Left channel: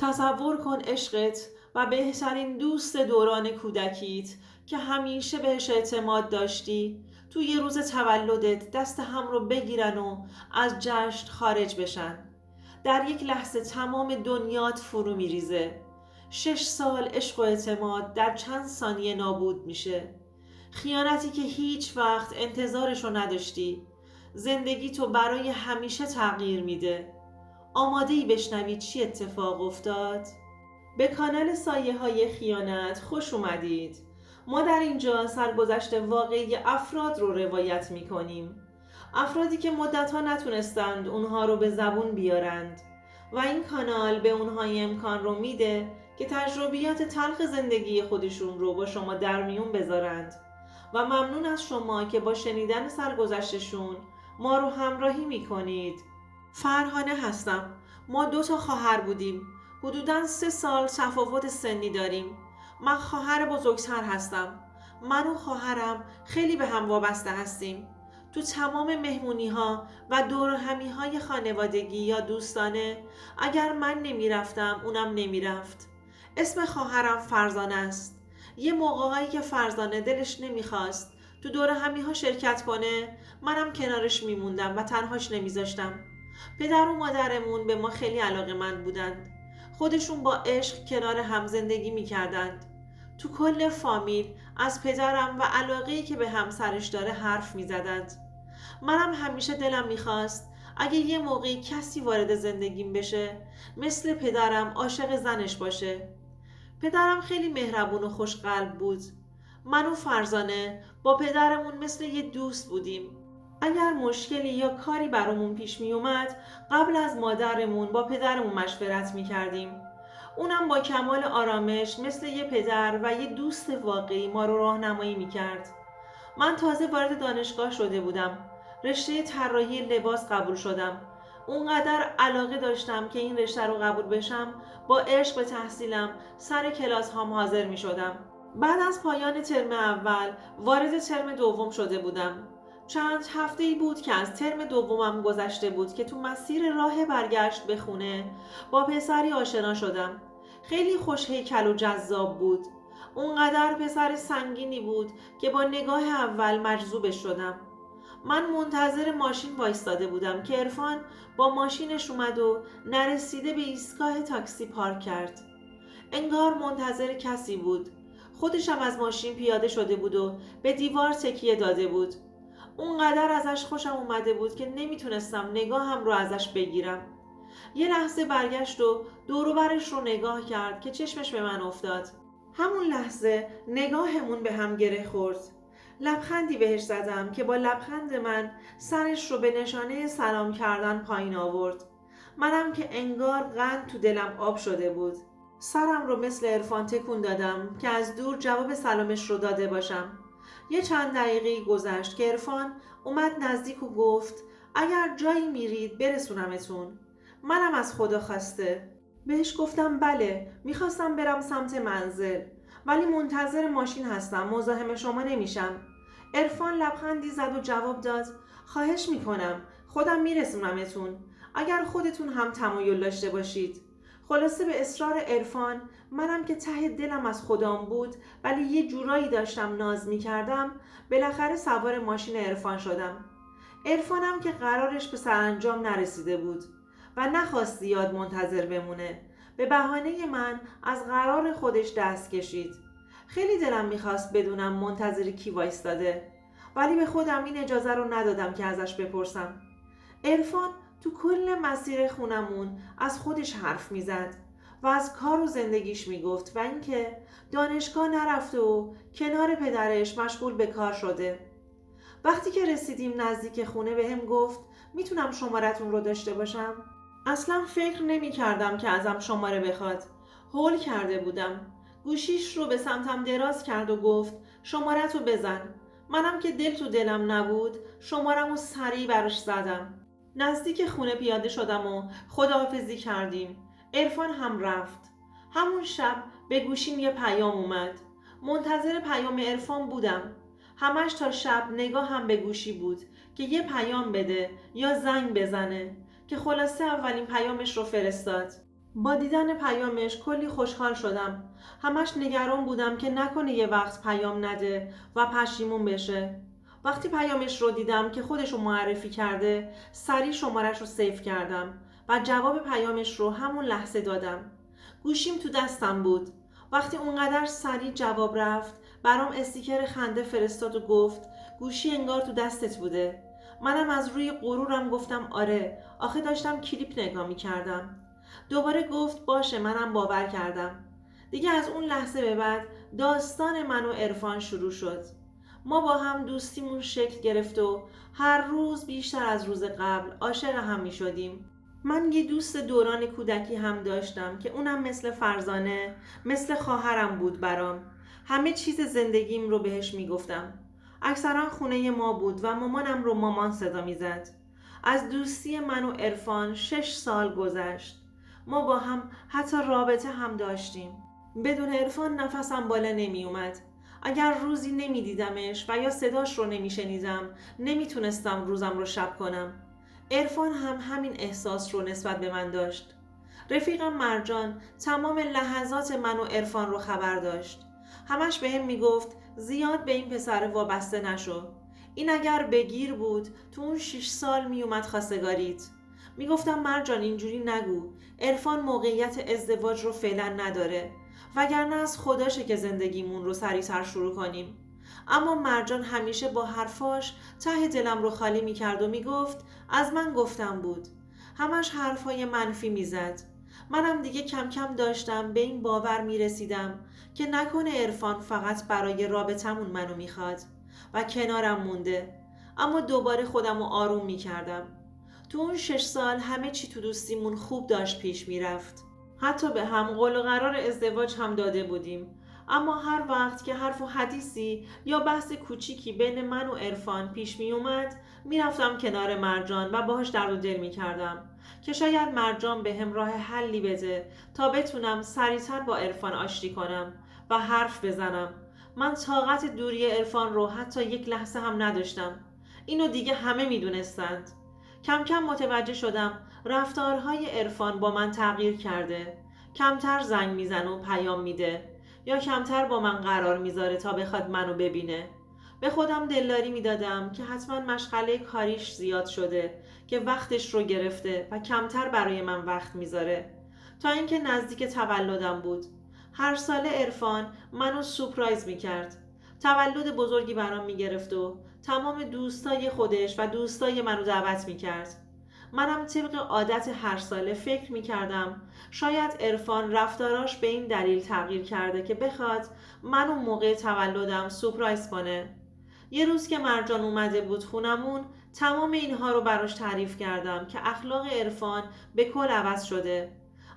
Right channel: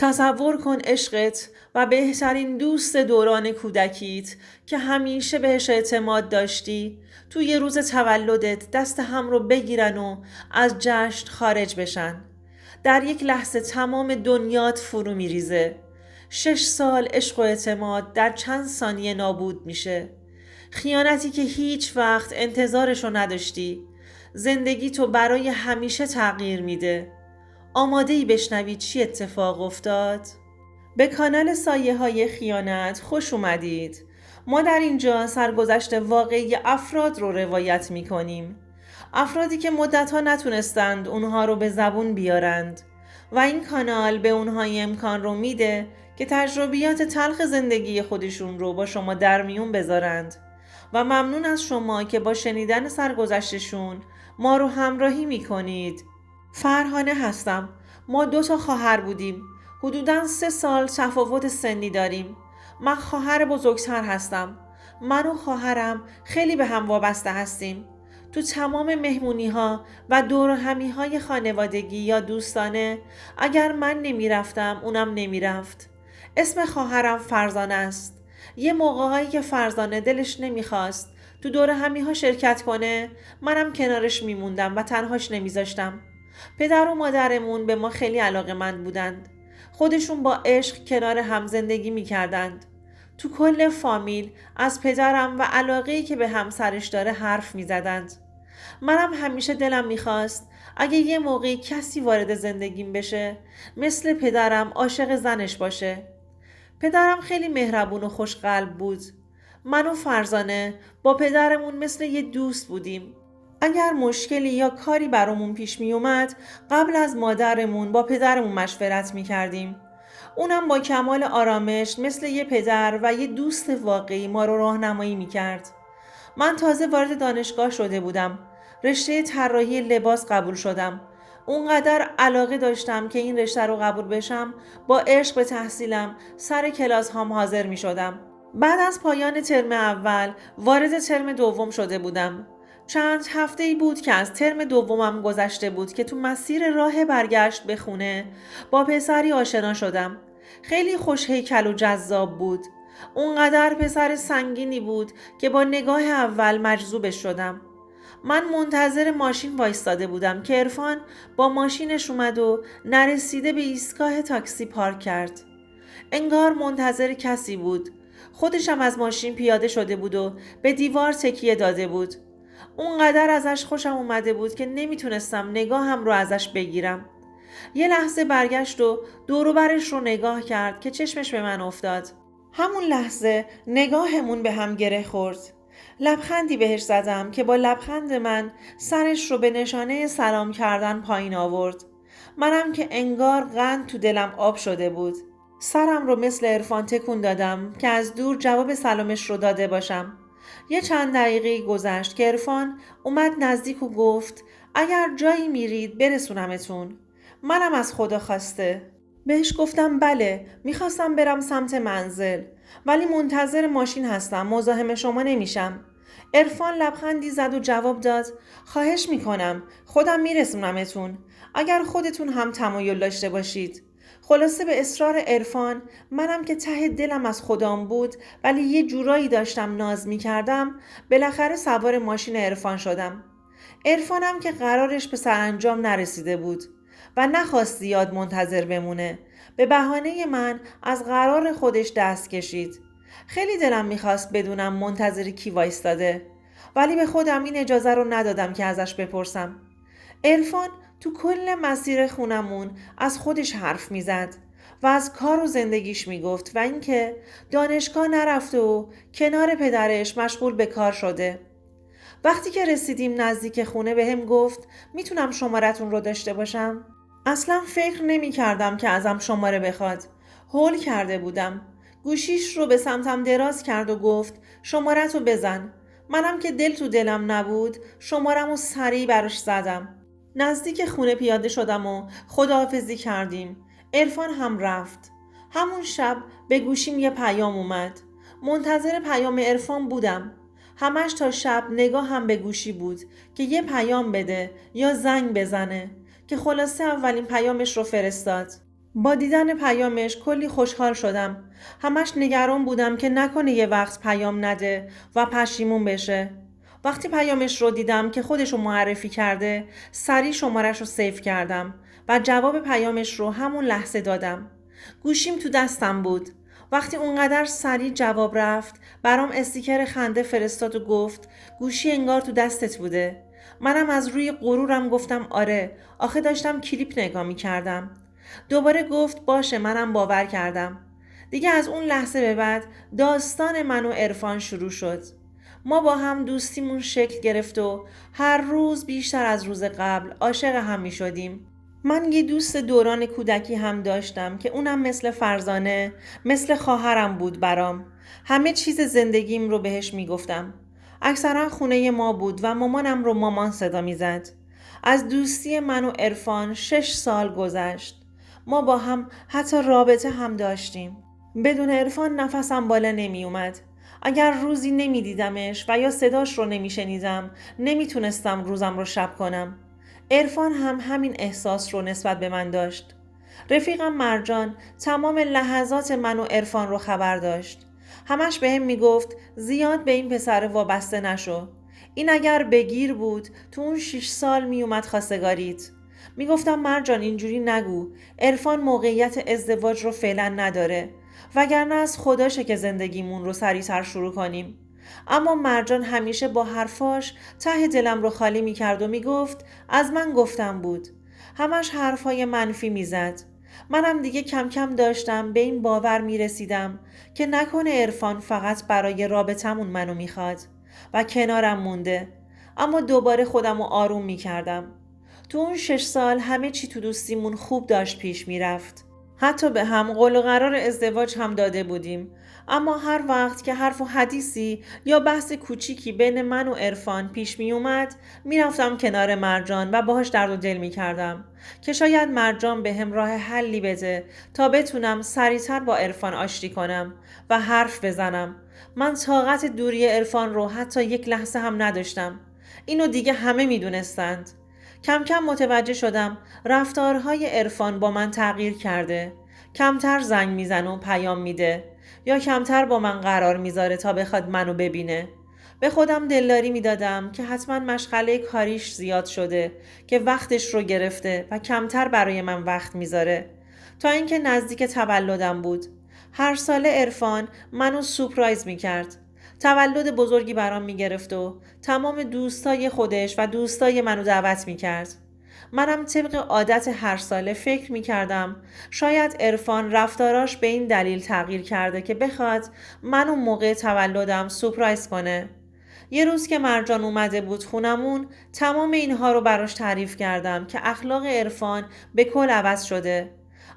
تصور کن عشقت و بهترین دوست دوران کودکیت که همیشه بهش اعتماد داشتی توی یه روز تولدت دست هم رو بگیرن و از جشن خارج بشن. در یک لحظه تمام دنیات فرو میریزه. 6 سال عشق و اعتماد در چند ثانیه نابود میشه. خیانتی که هیچ وقت انتظارشو نداشتی. زندگی تو برای همیشه تغییر میده. آماده ای بشنوید چی اتفاق افتاد؟ به کانال سایه های خیانت خوش اومدید. ما در اینجا سرگذشت واقعی افراد رو روایت می کنیم. افرادی که مدتها نتونستند اونها رو به زبون بیارند و این کانال به اونها امکان رو میده که تجربیات تلخ زندگی خودشون رو با شما در میون بذارند و ممنون از شما که با شنیدن سرگذشتشون ما رو همراهی میکنید. فرهانه هستم. ما 2 خواهر بودیم. حدوداً 3 سال تفاوت سنی داریم. من خواهر بزرگتر هستم. من و خواهرم خیلی به هم وابسته هستیم. تو تمام مهمونی ها و دور همی های خانوادگی یا دوستانه اگر من نمی رفتم اونم نمی رفت. اسم خواهرم فرزانه است. یه موقعهایی که فرزانه دلش نمیخواست تو دور همی ها شرکت کنه منم کنارش میموندم و تنهاش نمیذاشتم. پدر و مادرمون به ما خیلی علاقه‌مند بودند. خودشون با عشق کنار هم زندگی می‌کردند. تو کل فامیل از پدرم و علاقه‌ای که به همسرش داره حرف می‌زدند. منم همیشه دلم می‌خواست اگه یه موقعی کسی وارد زندگیم بشه مثل پدرم عاشق زنش باشه. پدرم خیلی مهربون و خوشقلب بود. من و فرزانه با پدرمون مثل یه دوست بودیم. اگر مشکلی یا کاری برامون پیش می اومد قبل از مادرمون با پدرمون مشورت می کردیم. اونم با کمال آرامش مثل یه پدر و یه دوست واقعی ما رو راهنمایی می کرد. من تازه وارد دانشگاه شده بودم. رشته طراحی لباس قبول شدم. اونقدر علاقه داشتم که این رشته رو قبول بشم با عشق به تحصیلم سر کلاس هم حاضر می شدم. بعد از پایان ترم اول وارد ترم دوم شده بودم. چند هفته ای بود که از ترم دومم گذشته بود که تو مسیر راه برگشت به خونه با پسری آشنا شدم. خیلی خوش هیکل و جذاب بود. اونقدر پسر سنگینی بود که با نگاه اول مجذوبش شدم. من منتظر ماشین وایستاده بودم که عرفان با ماشینش اومد و نرسیده به ایستگاه تاکسی پارک کرد. انگار منتظر کسی بود. خودشم از ماشین پیاده شده بود و به دیوار تکیه داده بود. اونقدر ازش خوشم اومده بود که نمیتونستم نگاهم رو ازش بگیرم. یه لحظه برگشت و دور و برش رو نگاه کرد که چشمش به من افتاد. همون لحظه نگاهمون به هم گره خورد. لبخندی بهش زدم که با لبخند من سرش رو به نشانه سلام کردن پایین آورد. منم که انگار قند تو دلم آب شده بود. سرم رو مثل عرفان تکون دادم که از دور جواب سلامش رو داده باشم. یه چند دقیقه گذشت که عرفان اومد نزدیک و گفت اگر جایی میرید برسونمتون. منم از خدا خواسته. بهش گفتم بله، میخواستم برم سمت منزل ولی منتظر ماشین هستم، مزاحم شما نمیشم. عرفان لبخندی زد و جواب داد خواهش میکنم، خودم میرسونمتون اگر خودتون هم تمایل داشته باشید. خلاصه به اصرار عرفان منم که ته دلم از خدام بود ولی یه جورایی داشتم ناز میکردم بالاخره سوار ماشین عرفان شدم. عرفانم که قرارش به سرانجام نرسیده بود و نخواست زیاد منتظر بمونه. به بهانه من از قرار خودش دست کشید. خیلی دلم میخواست بدونم منتظر کی وایستاده ولی به خودم این اجازه رو ندادم که ازش بپرسم. عرفان تو کل مسیر خونمون از خودش حرف میزد و از کار و زندگیش میگفت و اینکه دانشگاه نرفته و کنار پدرش مشغول به کار شده. وقتی که رسیدیم نزدیک خونه بهم گفت میتونم شمارتون رو داشته باشم؟ اصلا فکر نمی کردم که ازم شماره بخواد. هول کرده بودم. گوشیش رو به سمتم دراز کرد و گفت شمارت رو بزن. منم که دل تو دلم نبود شمارم رو سریع براش زدم. نزدیک خونه پیاده شدم و خداحافظی کردیم. عرفان هم رفت. همون شب به گوشیم یه پیام اومد. منتظر پیام عرفان بودم. همش تا شب نگاهم به گوشی بود که یه پیام بده یا زنگ بزنه که خلاصه اولین پیامش رو فرستاد. با دیدن پیامش کلی خوشحال شدم. همش نگران بودم که نکنه یه وقت پیام نده و پشیمون بشه. وقتی پیامش رو دیدم که خودش رو معرفی کرده، سریع شمارش رو سیو کردم و جواب پیامش رو همون لحظه دادم. گوشیم تو دستم بود. وقتی اونقدر سریع جواب رفت، برام استیکر خنده فرستاد و گفت گوشی انگار تو دستت بوده. منم از روی غرورم گفتم آره، آخه داشتم کلیپ نگاه می کردم. دوباره گفت باشه، منم باور کردم. دیگه از اون لحظه به بعد داستان من و عرفان شروع شد. ما با هم دوستیمون شکل گرفت و هر روز بیشتر از روز قبل عاشق هم می شدیم. من یه دوست دوران کودکی هم داشتم که اونم مثل فرزانه، مثل خواهرم بود برام. همه چیز زندگیم رو بهش می گفتم. اکثرا خونه ما بود و مامانم رو مامان صدا می زد. از دوستی من و عرفان 6 سال گذشت. ما با هم حتی رابطه هم داشتیم. بدون عرفان نفسم بالا نمی اومد. اگر روزی نمی دیدمش و یا صداش رو نمی شنیدم، نمی تونستم روزم رو شب کنم. عرفان هم همین احساس رو نسبت به من داشت. رفیقم مرجان تمام لحظات من و عرفان رو خبر داشت. همش بهم میگفت زیاد به این پسر وابسته نشو. این اگر بگیر بود تو اون 6 سال میومد خواستگاریت. میگفتم مرجان اینجوری نگو. عرفان موقعیت ازدواج رو فعلا نداره. وگرنه از خداشه که زندگیمون رو سریعتر شروع کنیم. اما مرجان همیشه با حرفاش ته دلم رو خالی میکرد و میگفت از من گفتم بود. همش حرفای منفی میزد. منم دیگه کم کم داشتم به این باور میرسیدم که نکنه عرفان فقط برای رابطمون منو میخواد و کنارم مونده. اما دوباره خودم رو آروم میکردم. تو اون 6 سال همه چی تو دوستیمون خوب داشت پیش میرفت. حتی به هم قول و قرار ازدواج هم داده بودیم. اما هر وقت که حرف و حدیثی یا بحث کوچیکی بین من و عرفان پیش می اومد، میرفتم کنار مرجان و باهاش درد و دل می کردم که شاید مرجان به هم راه حلی بده تا بتونم سریعتر با عرفان آشتی کنم و حرف بزنم. من طاقت دوری عرفان رو حتی یک لحظه هم نداشتم. اینو دیگه همه می دونستند. کم کم متوجه شدم رفتارهای عرفان با من تغییر کرده. کمتر زنگ میزنه و پیام میده یا کمتر با من قرار میذاره تا بخواد منو ببینه. به خودم دلداری میدادم که حتما مشغله کاریش زیاد شده که وقتش رو گرفته و کمتر برای من وقت میذاره. تا اینکه نزدیک تولدم بود. هر ساله عرفان منو سورپرایز میکرد. تولد بزرگی برام میگرفت و تمام دوستای خودش و دوستای منو دعوت میکرد. منم طبق عادت هر ساله فکر میکردم شاید عرفان رفتاراش به این دلیل تغییر کرده که بخواد منو موقع تولدم سورپرایز کنه. یه روز که مرجان اومده بود خونمون، تمام اینها رو براش تعریف کردم که اخلاق عرفان به کل عوض شده.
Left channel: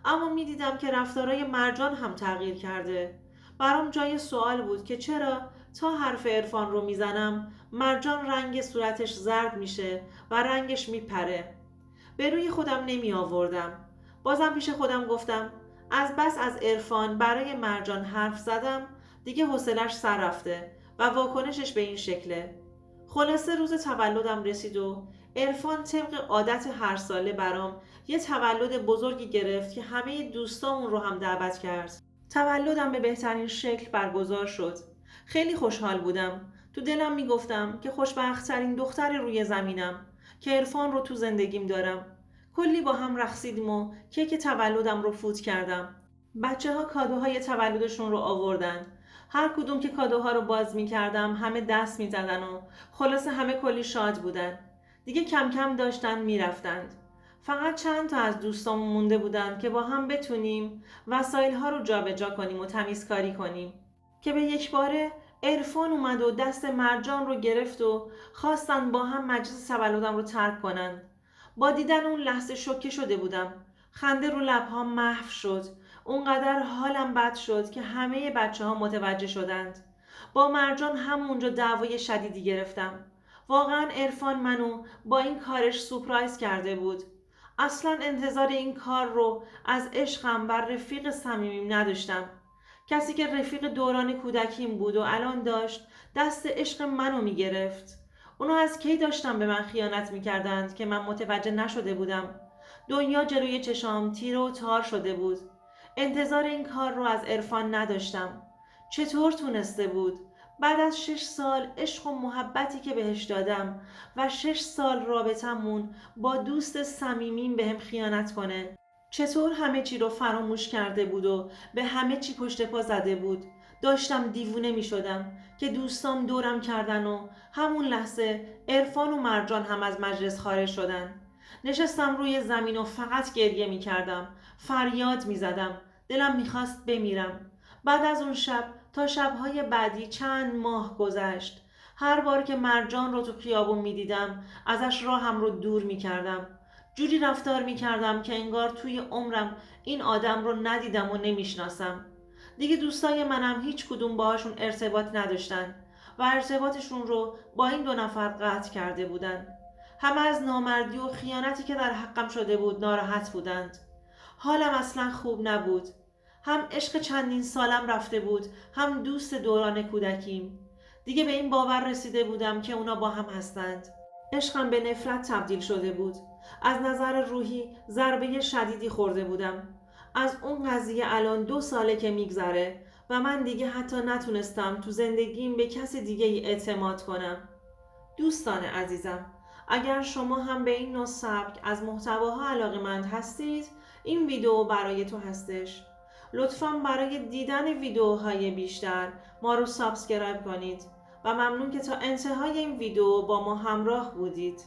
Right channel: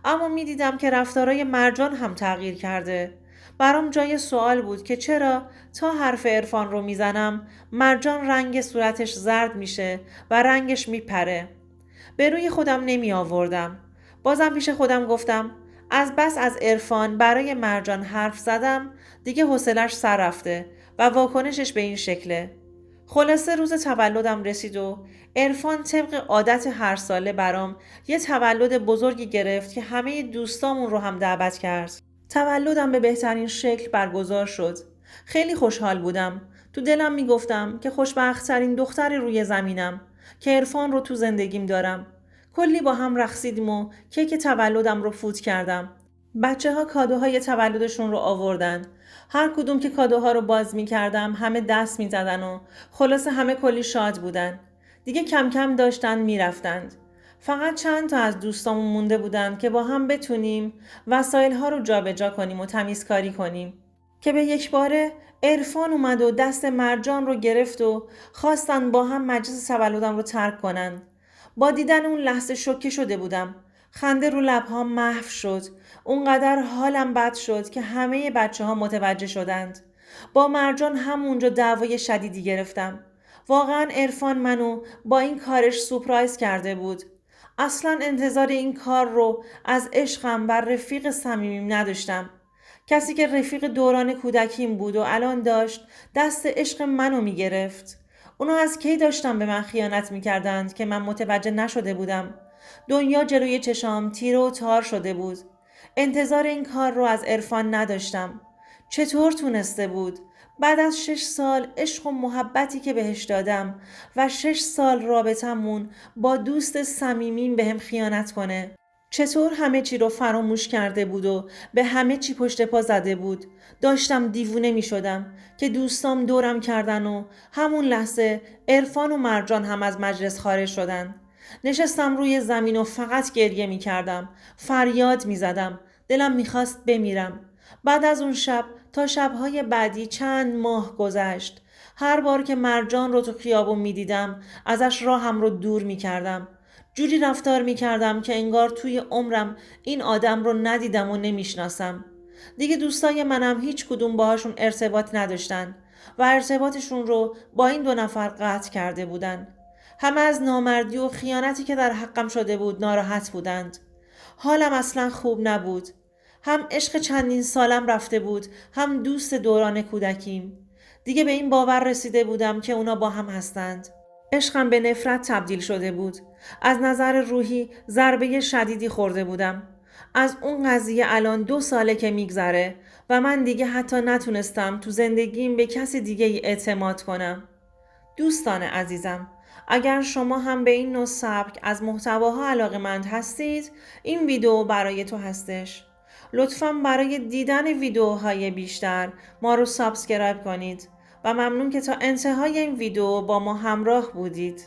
اما میدیدم که رفتارای مرجان هم تغییر کرده. برام جای سوال بود که چرا تا حرف عرفان رو میزنم مرجان رنگ صورتش زرد میشه و رنگش میپره. به روی خودم نمی آوردم. بازم پیش خودم گفتم از بس از عرفان برای مرجان حرف زدم، دیگه حوصلش سر رفته و واکنشش به این شکله. خلاصه روز تولدم رسید و عرفان طبق عادت هر ساله برام یه تولد بزرگی گرفت که همه دوستامون رو هم دعوت کرد. تولدم به بهترین شکل برگزار شد. خیلی خوشحال بودم. تو دلم میگفتم که خوشبخت‌ترین دختر روی زمینم که عرفان رو تو زندگیم دارم. کلی با هم رقصیدیم و کیک تولدم رو فوت کردم. بچه‌ها کادوهای تولدشون رو آوردن. هر کدوم که کادوها رو باز می‌کردم همه دست می‌زدن و خلاصه همه کلی شاد بودن. دیگه کم کم داشتن میرفتند. فقط چند تا از دوستامون مونده بودن که با هم بتونیم وسایل‌ها رو جابجا کنیم و تمیزکاری کنیم. که به یک باره عرفان اومد و دست مرجان رو گرفت و خواستن با هم مجلس تولدم رو ترک کنن. با دیدن اون لحظه شوکه شده بودم. خنده رو لبهام محو شد. اونقدر حالم بد شد که همه بچه ها متوجه شدند. با مرجان همونجا دعوای شدیدی گرفتم. واقعا عرفان منو با این کارش سورپرایز کرده بود. اصلا انتظار این کار رو از عشقم بر رفیق صمیمیم نداشتم. کسی که رفیق دوران کودکیم بود و الان داشت دست عشق منو میگرفت. اونا از کی داشتن به من خیانت میکردند که من متوجه نشده بودم. دنیا جلوی چشام تیره و تار شده بود. انتظار این کار رو از عرفان نداشتم. چطور تونسته بود؟ بعد از 6 سال عشق و محبتی که بهش دادم و 6 سال رابطمون با دوست صمیمیم بهم خیانت کنه. چطور همه چی رو فراموش کرده بود و به همه چی پشت پا زده بود. داشتم دیوونه می شدم که دوستام دورم کردن و همون لحظه عرفان و مرجان هم از مجلس خارج شدن. نشستم روی زمین و فقط گریه می کردم. فریاد می زدم. دلم می خواست بمیرم. بعد از اون شب تا شبهای بعدی چند ماه گذشت. هر بار که مرجان رو تو خیابون می دیدم ازش راهم رو دور می کردم. جوری رفتار می کردم که انگار توی عمرم این آدم رو ندیدم و نمیشناسم. دیگه دوستای منم هیچ کدوم باهاشون ارتباط نداشتن و ارتباطشون رو با این 2 نفر قطع کرده بودن. همه از نامردی و خیانتی که در حقم شده بود ناراحت بودند. حالم اصلا خوب نبود. هم عشق چندین سالم رفته بود، هم دوست دوران کودکیم. دیگه به این باور رسیده بودم که اونا با هم هستند. عشقم به نفرت تبدیل شده بود. از نظر روحی ضربه شدیدی خورده بودم. از اون قضیه الان 2 ساله که میگذره و من دیگه حتی نتونستم تو زندگیم به کسی دیگه ای اعتماد کنم. دوستان عزیزم، اگر شما هم به این نوع سبک از محتواها علاقه‌مند هستید، این ویدیو برای تو هستش. لطفاً برای دیدن ویدیوهای بیشتر ما رو سابسکرایب کنید و ممنون که تا انتهای این ویدیو با ما همراه بودید.